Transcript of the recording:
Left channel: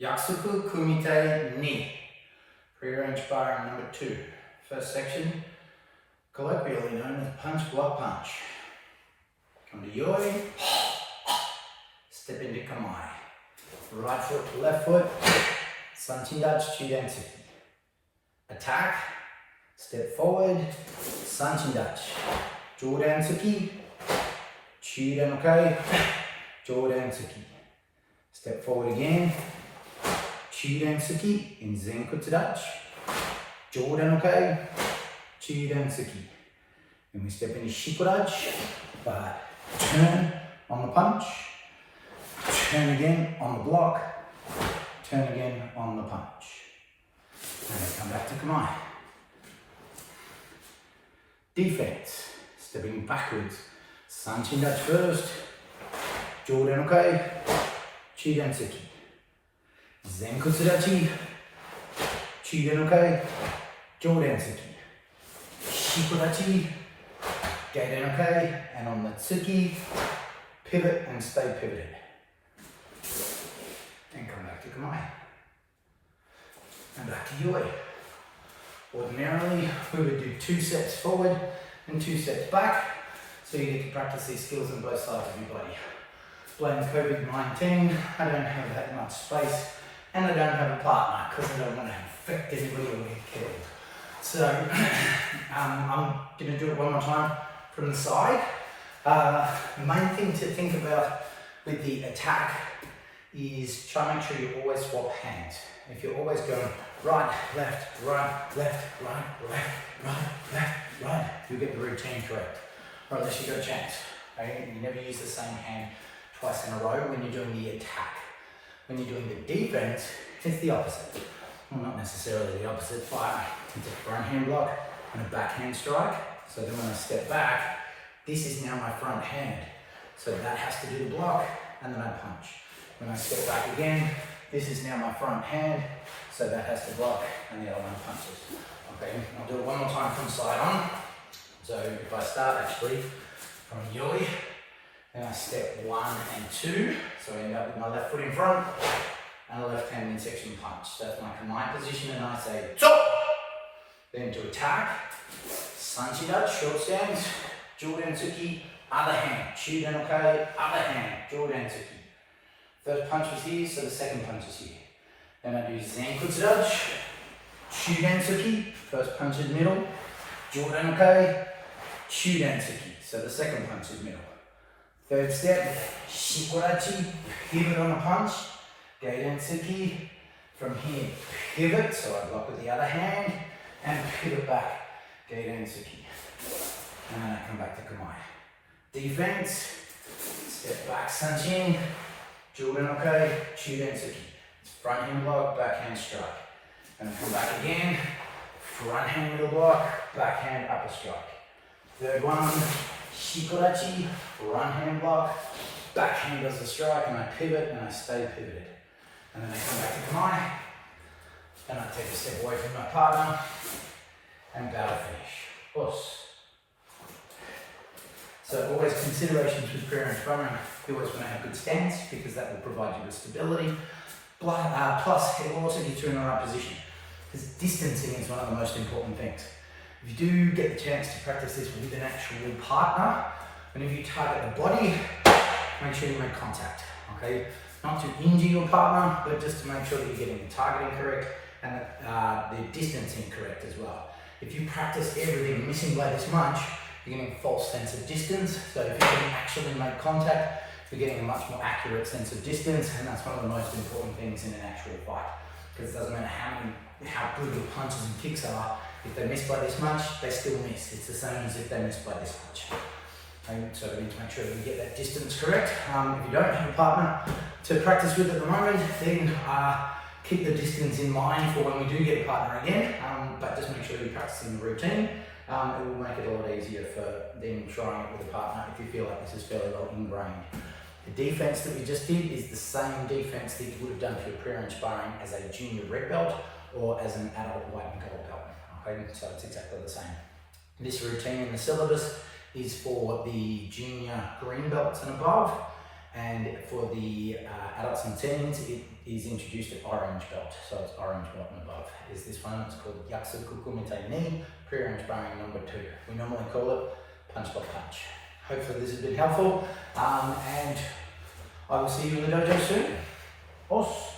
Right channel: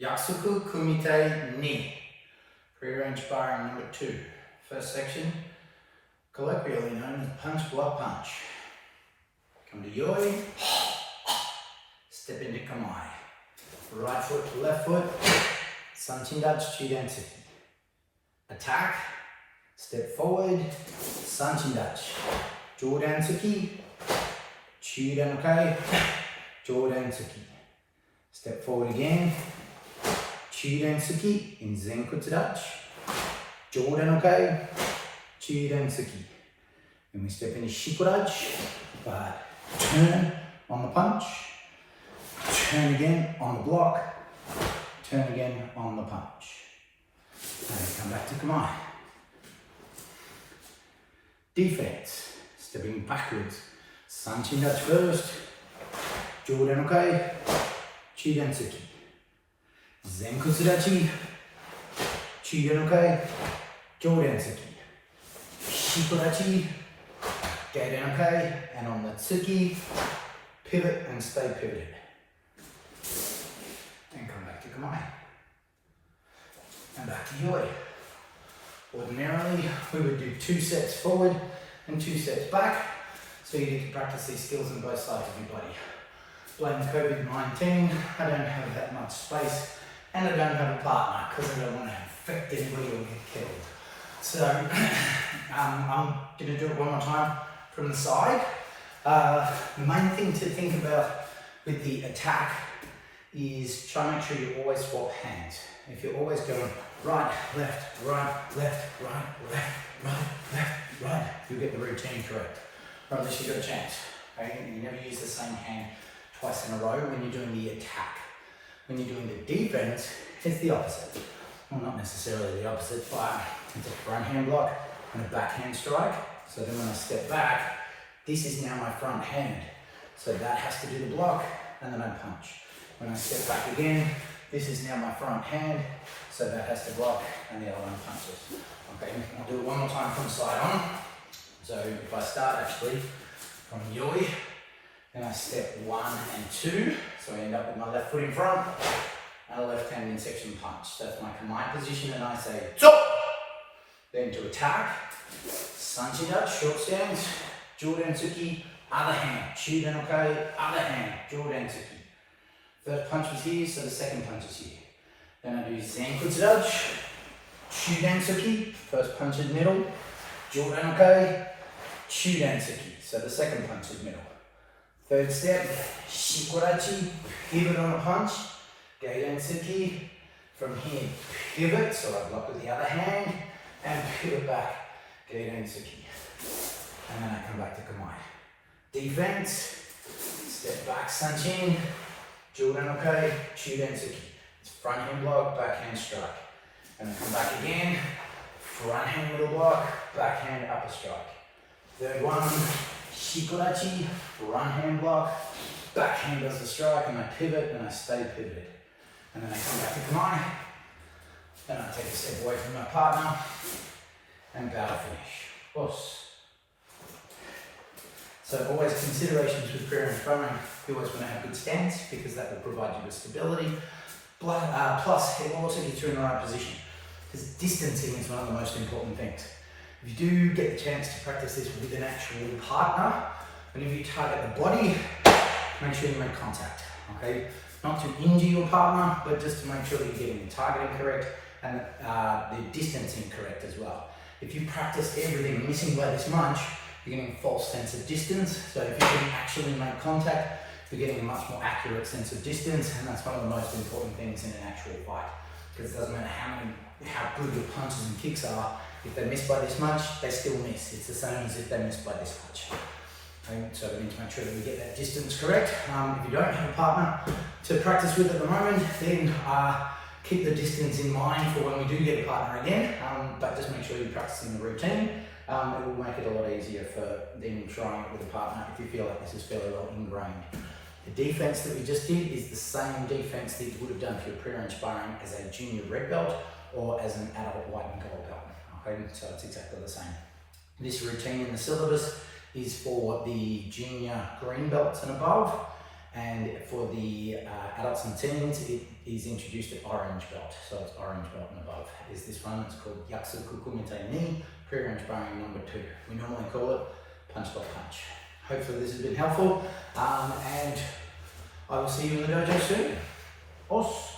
Yakusoku Kumite Ni. Prearranged sparring number 2. First section, colloquially known as punch, block, punch. Come to yoi, step into kamai. Right foot to left foot, sanchin dachi, chudan tsuki. Attack, step forward, sanchin dachi, jodan tsuki, chudan okai, jodan tsuki. Step forward again, chudan tsuki in zenkutsu dachi, jodan okai, chudan tsuki. And we step into shikodachi, but turn on the punch, turn again on the block, turn again on the punch. And then come back to kamai. Defense, stepping backwards, sanchin dachi first, jodan okai, chudan tsuki. Zenkutsu dachi, chudan okai, jodan tsuki. Shikodachi, gaiden okai, and on the tsuki, pivot and stay pivoted. And come back to kamai. And back to yoi. Ordinarily, we would do 2 sets forward and 2 sets back, so you get to practice these skills on both sides of your body. Blame COVID-19, I don't have that much space, and I don't have a partner because I don't want to infect anybody or get killed. So I'm going to do it one more time from the side. The main thing to think about with the attack is try and make sure you always swap hands. If you're always going right, left, right, left, right, left, right, left, right, you'll get the routine correct. Or at least you've got a chance. Okay? You never use the same hand twice in a row when you're doing the attack. When you're doing the defense, it's the opposite. Well, not necessarily the opposite, but it's a front hand block and a backhand strike. So then when I step back, this is now my front hand. So that has to do the block, and then I punch. When I step back again, this is now my front hand, so that has to block, and the other one punches. Okay, I'll do it one more time from side on. So if I start actually from yoi, then I step 1 and 2, so I end up with my left foot in front, and a left hand in section punch. That's my kamai position, and I say, chop! Then to attack, sanchin dachi, short stance, jodan tsuki, other hand, chudan okai, other hand, jodan tsuki. First punch was here, so the second punch is here. Then I do zenkutsu dachi, chudan tsuki, first punch in the middle, jodan okai, chudan tsuki, so the second punch is middle. Third step, shikodachi, pivot on a punch, gaiden tsuki, from here pivot, so I block with the other hand, and pivot back, gaiden tsuki. And then I come back to kamai. Defense, step back, sanchin, jodan okai, chudan tsuki. Front hand block, backhand strike. And then come back again, front hand middle block, backhand upper strike. Third one, shikodachi, front hand block, backhand does the strike, and I pivot and I stay pivoted. And then I come back to kamai, then I take a step away from my partner, and bow finish. Plus. So always considerations with prearranged sparring, you always want to have good stance because that will provide you with stability. Plus, it will also get you in the right position because distancing is one of the most important things. If you do get the chance to practice this with an actual partner, whenever you target the body, make sure you make contact, okay? Not to injure your partner, but just to make sure that you're getting the targeting correct and the distancing correct as well. If you practice everything missing by this much, you're getting a false sense of distance. So if you can actually make contact, you're getting a much more accurate sense of distance, and that's one of the most important things in an actual fight. Because it doesn't matter how good your punches and kicks are, if they miss by this much, they still miss. It's the same as if they miss by this much. Okay, so we need to make sure that we get that distance correct. If you don't have a partner to practice with at the moment, then keep the distance in mind for when we do get a partner again, but just make sure you're practicing the routine. It will make it a lot easier for them trying it with a partner if you feel like this is fairly well ingrained. The defense that we just did is the same defense that you would have done for your prearranged sparring as a junior red belt or as an adult white and gold belt. Okay, so it's exactly the same. This routine in the syllabus is for the junior green belts and above, And for the adults and teens, it is introduced at orange belt, so it's orange belt and above. Is this one? It's called Yakusoku Kumite Ni, Prearranged Sparring number 2. We normally call it punch block punch. Hopefully this has been helpful, and I will see you in the dojo soon. Os.